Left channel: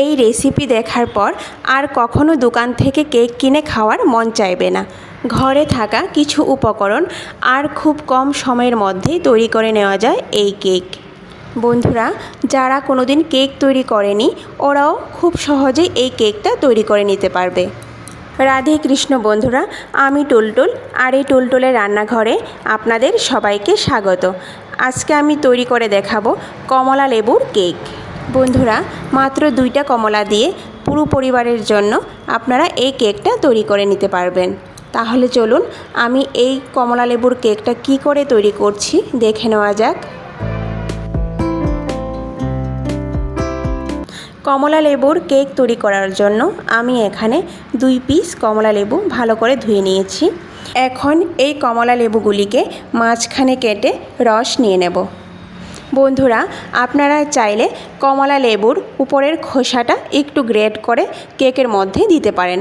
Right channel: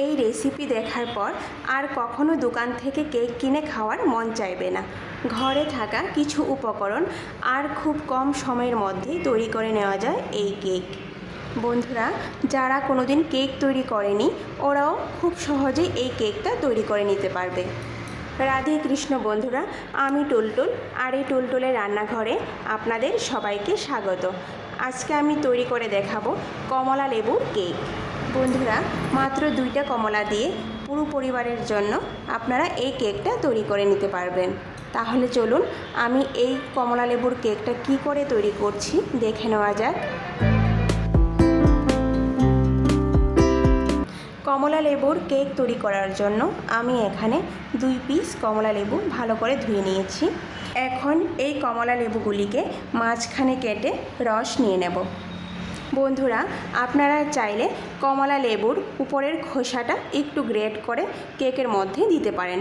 এই রেসিপি দেখার পর আর কখনো দোকান থেকে কেক কিনে খাওয়ার মন চাইবে না। ঘরে থাকা কিছু উপকরণ আর খুব কম সময়ের মধ্যেই তৈরি করে নেওয়া যায় এই কেক। বন্ধুরা, যারা কোনোদিন কেক তৈরি করেনি ওরাও খুব সহজেই এই কেকটা তৈরি করে নিতে পারবে। রাধে কৃষ্ণ বন্ধুরা, আমি টুলটুল আর এই টুলটুলের রান্নাঘরে আপনাদের সবাইকে স্বাগত। আজকে আমি তৈরি করে দেখাবো কমলা লেবুর কেক। বন্ধুরা, মাত্র 2টা কমলা দিয়ে পুরো পরিবারের জন্য আপনারা এই কেকটা তৈরি করে নিতে পারবেন। তাহলে চলুন আমি এই কমলা লেবুর কেকটা কি করে তৈরি করছি দেখে নেওয়া যাক। কমলা লেবুর কেক তৈরি করার জন্য আমি এখানে 2 পিস কমলা লেবু ভালো করে ধুয়ে নিয়েছি। এখন এই কমলা লেবুগুলিকে মাঝখানে কেটে রস নিয়ে নেব। বন্ধুরা, আপনারা চাইলে কমলা লেবুর উপরের খোসাটা একটু গ্রেট করে কেকের মধ্যে দিতে পারেন।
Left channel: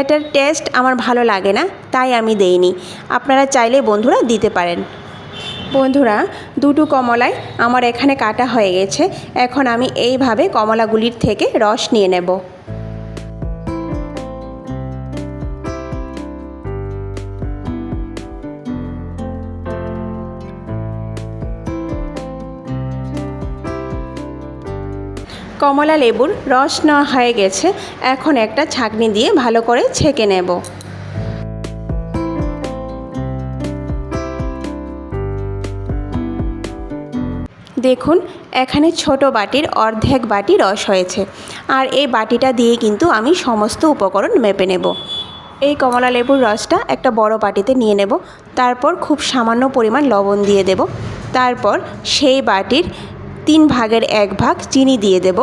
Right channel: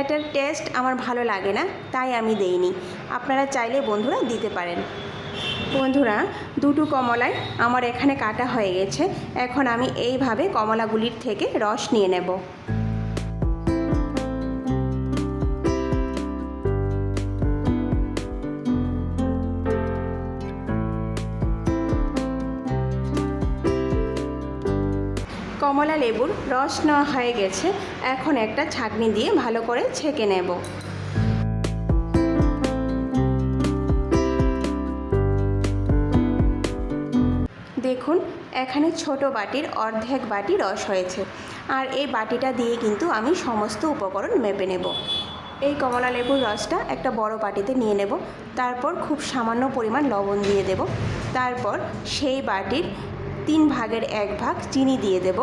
এটার টেস্ট আমার ভালো লাগে না, তাই আমি দেইনি। আপনারা চাইলে বন্ধুরা দিতে পারেন। বন্ধুরা, 2টো কমলাই আমার এখানে কাটা হয়ে গেছে। এখন আমি এইভাবে কমলাগুলির থেকে রস নিয়ে নেব। কমলা লেবুর রস নেওয়া হয়ে গেছে। এখন একটা ছাঁকনি দিয়ে ভালো করে ছেঁকে নেব। দেখুন, এখানে ছোট বাটির অর্ধেক বাটি রস হয়েছে। আর এই বাটিটা দিয়ে কিন্তু আমি সমস্ত উপকরণ মেপে নেব। এই কমলা লেবুর রসটা একটা বড় বাটিতে নিয়ে নেব। তারপর খুব সামান্য পরিমাণ লবণ দিয়ে দেব। তারপর সেই বাটির 3 ভাগের 1 ভাগ চিনি দিয়ে দেব।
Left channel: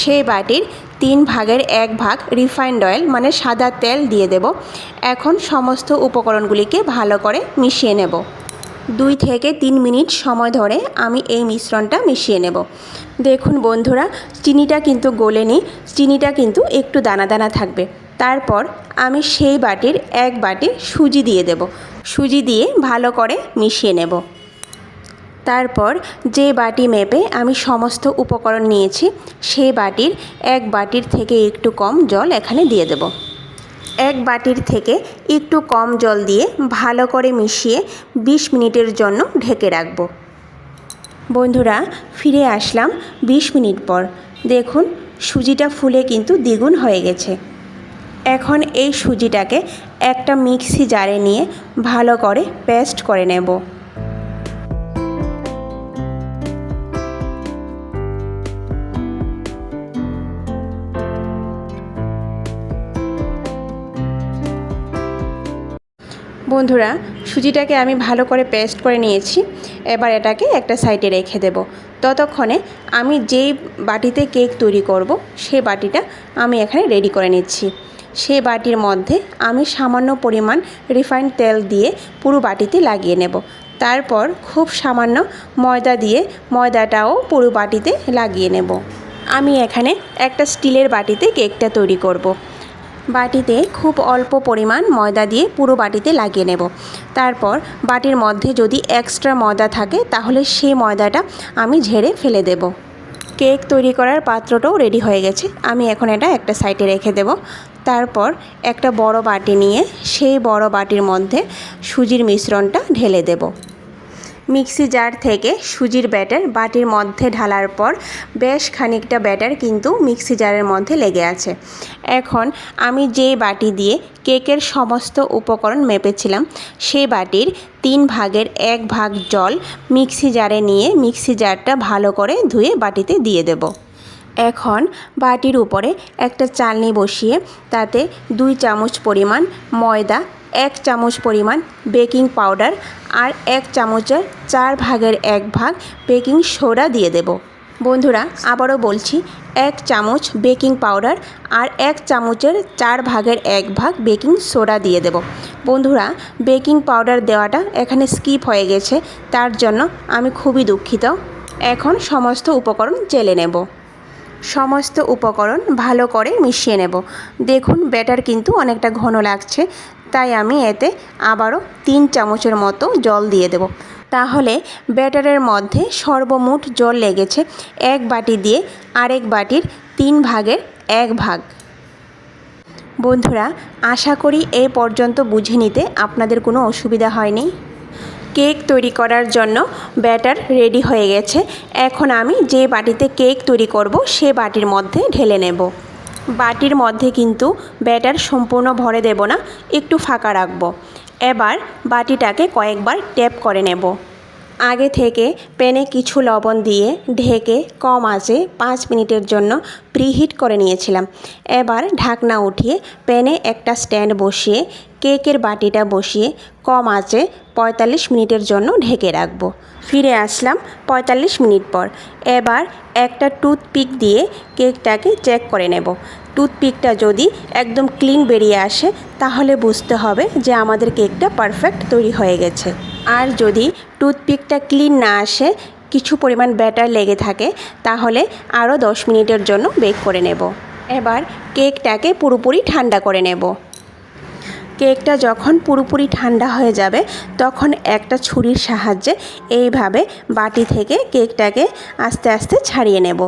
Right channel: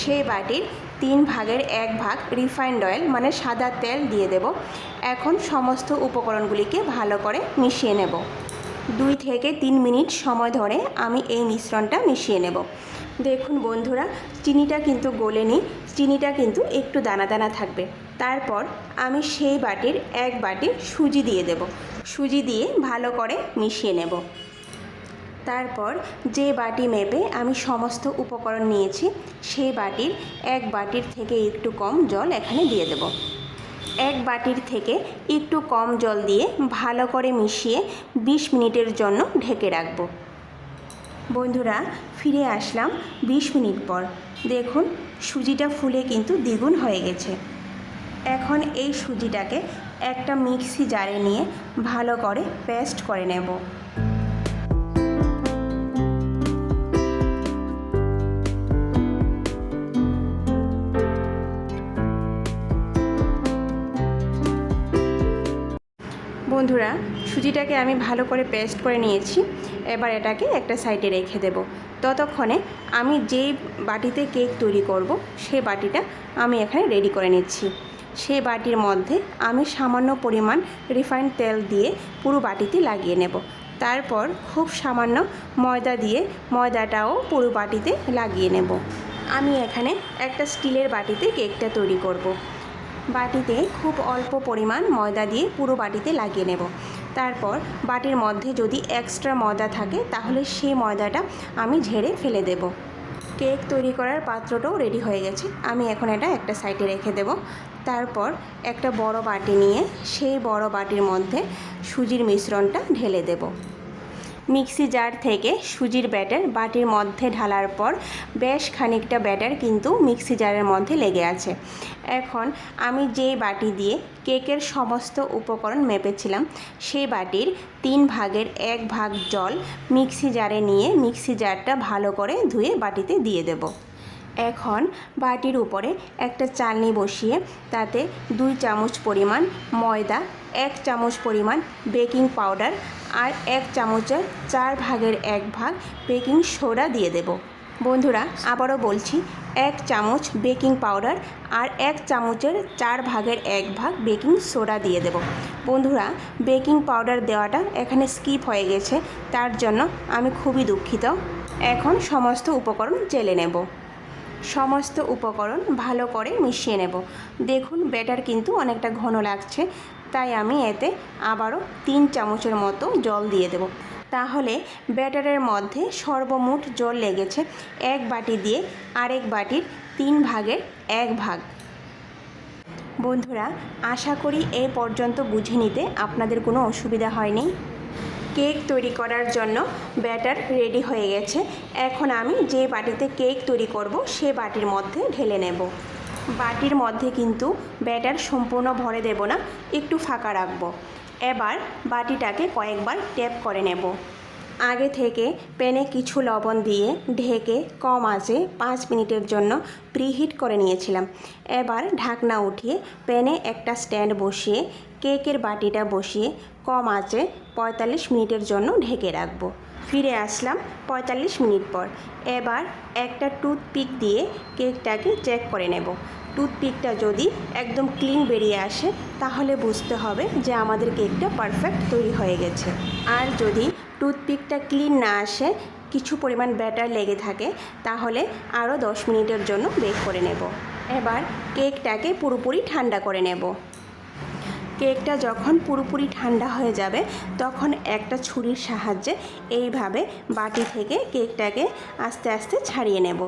সেই বাটির 3 ভাগের 1 ভাগ রিফাইন্ড অয়েল মানে সাদা তেল দিয়ে দেব। এখন সমস্ত উপকরণগুলিকে ভালো করে মিশিয়ে নেব। 2 থেকে 3 মিনিট সময় ধরে আমি এই মিশ্রণটা মিশিয়ে নেব। দেখুন বন্ধুরা, চিনিটা কিন্তু গলেনি, চিনিটা কিন্তু একটু দানা দানা থাকবে। তারপর আমি সেই বাটির 1 বাটি সুজি দিয়ে দেব। সুজি দিয়ে ভালো করে মিশিয়ে নেব। তারপর যে বাটি মেপে আমি সমস্ত উপকরণ নিয়েছি সেই বাটির 1 বাটির থেকে একটু কম জল এখানে দিয়ে দেব। 1 বাটির থেকে একটু কম জল দিয়ে ভালো করে মিশিয়ে 20 মিনিটের জন্য ঢেকে রাখব। বন্ধুরা, ফিরে আসলাম 20 মিনিট পর। দেখুন, সুজিটা ফুলে কিন্তু দ্বিগুণ হয়ে গেছে। এখন এই সুজিটাকে একটা মিক্সি জারে নিয়ে ভালো করে পেস্ট করে নেব। বন্ধুরা, সুজিটাকে আমি ভালো করে পেস্ট করে নিয়েছি। এবার এটাকে একটা সাইডে রেখে দেব। ততক্ষণে আমি যেই বাটিতে কেক তৈরি করব সেই বাটিটা আমি এখানে রেডি করে নিচ্ছি। সেই বাটির মধ্যে আমি সামান্য পরিমাণ রিফাইন্ড তেল দিয়ে পুরো বাটিতে লাগিয়ে নেব। তারপর খুব সামান্য ময়দা দিয়ে ময়দাটাও পুরো বাটিতে লাগিয়ে নেব। আমি এখানে একটা স্টিলের বাটিতে কেকটা তৈরি করব। বাটিতে খুব অল্প পরিমাণ ময়দা দিয়ে পুরো বাটিতে লাগিয়ে নেব। তারপর বাটির মধ্যে যদি এক্সট্রা ময়দা থাকে তাহলে সেই ময়দাটা আমি ঝেড়ে ফেলে দেব। কেক তৈরি করার পাত্রটাও রেডি হয়ে গেছে। আমি এখন এটা একটা সাইডে রেখে দেব। তারপর একটা বড় বাটি নিয়ে সেই বড় বাটির মধ্যে সুজির মিশ্রণটা ঢেলে দেব। মিক্সি জার থেকে সুজির ব্যাটার বাটির মধ্যে ঢালার পর বেশ খানিকটা ব্যাটার কিন্তু মিক্সি জারের মধ্যে লেগে আছে। এখন আমি যে বাটি দিয়ে কেকের সমস্ত উপকরণ মেপেছিলাম সেই বাটির 3 ভাগের 1 ভাগ জল মিক্সি জারে নিয়ে মিক্সি জারটা ভালো করে ধুয়ে বাটিতে দিয়ে দেব। এখন বাটির উপরে একটা চালনি বসিয়ে তাতে 2 চামচ পরিমাণ ময়দা, 1 চামচ পরিমাণ বেকিং পাউডার আর 1 চামচের 4 ভাগের 1 ভাগ বেকিং সোডা দিয়ে দেব। বন্ধুরা, আবারও বলছি, 1 চামচ বেকিং পাউডার আর 1 চামচের 4 ভাগের 1 ভাগ বেকিং সোডা দিয়ে দেব। বন্ধুরা, বেকিং পাউডার দেওয়াটা এখানে স্কিপ হয়ে গেছে, তার জন্য আমি খুবই দুঃখিত। এখন সমস্ত উপকরণ চেলে নেব। সমস্ত উপকরণ ভালো করে মিশিয়ে নেব। দেখুন, ব্যাটার কিন্তু অনেকটা ঘন লাগছে, তাই আমি এতে আবারও 3 চামচের মতো জল দিয়ে দেব। তাহলে ব্যাটারের মধ্যে সর্বমোট জল লেগেছে 1 বাটি দিয়ে আরেক বাটির 3 ভাগের 1 ভাগ। বন্ধুরা, আশা করি এই পর্যন্ত বুঝে নিতে আপনাদের কোনো অসুবিধা হয়নি। কেক তৈরি করার জন্য ব্যাটার রেডি হয়ে গেছে। এখন আমি যে বাটিতে কেক তৈরি করব সে বাটির মধ্যে ঢেলে নেব। বাটির মধ্যে কিন্তু ব্যাটার সম্পূর্ণ ভরে দেব না, একটু ফাঁকা রাখব। এবার বাটিটাকে কয়েকবার ট্যাপ করে নেব। আগে থেকে প্যানে কিছু লবণ দিয়ে ঢেকে কম আঁচে 5 মিনিটের জন্য প্রিহিট করে নিয়েছিলাম। এবার ঢাকনা উঠিয়ে প্যানে একটা স্ট্যান্ড বসিয়ে কেকের বাটিটা বসিয়ে কম আঁচে 45 মিনিটের জন্য ঢেকে রাখবো। ফিরে আসলাম 45 মিনিট পর। এবার একটা টুথপিক দিয়ে কেকটাকে চেক করে নেব। টুথপিকটা যদি একদম ক্লিন বেরিয়ে আসে তাহলে বুঝতে হবে যে আমাদের কেকটা পারফেক্ট তৈরি হয়ে গেছে। আর যদি টুথপিকটা ক্লিন না আসে, কিছু পরিমাণ ব্যাটার লেগে থাকে, তাহলে আরও 10 মিনিটের জন্য বেক করে নেব। এবার কেকটাকে পুরোপুরি ঠান্ডা করে নেব। কেকটা যখন পুরোপুরি ঠান্ডা হয়ে যাবে তখন একটা ছুরির সাহায্যে এইভাবে বাটি থেকে কেকটাকে আস্তে আস্তে ছাড়িয়ে নেব।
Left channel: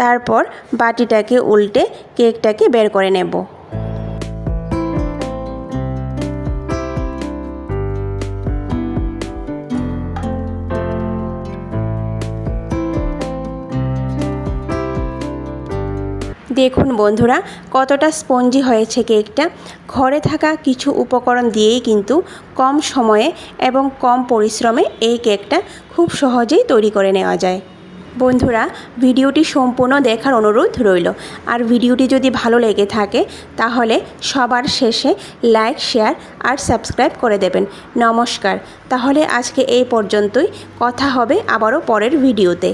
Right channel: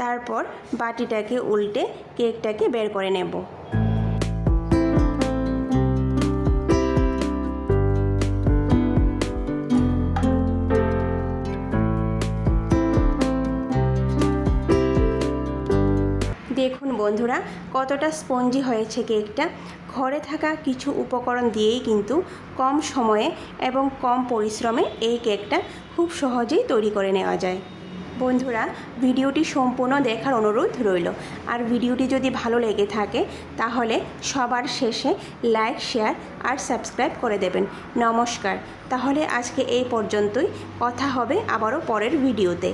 তারপর বাটিটাকে উল্টে কেকটাকে বের করে নেব। দেখুন বন্ধুরা, কতটা স্পঞ্জি হয়েছে কেকটা। ঘরে থাকা কিছু উপকরণ দিয়েই কিন্তু কম সময়ে এবং কম পরিশ্রমে এই কেকটা খুব সহজেই তৈরি করে নেওয়া যায়। বন্ধুরা, ভিডিওটি সম্পূর্ণ দেখার অনুরোধ রইল। আর ভিডিওটি যদি ভালো লেগে থাকে তাহলে সবার শেষে লাইক, শেয়ার আর সাবস্ক্রাইব করে দেবেন। নমস্কার। তাহলে আজকে এই পর্যন্তই, কথা হবে আবারও পরের ভিডিওতে।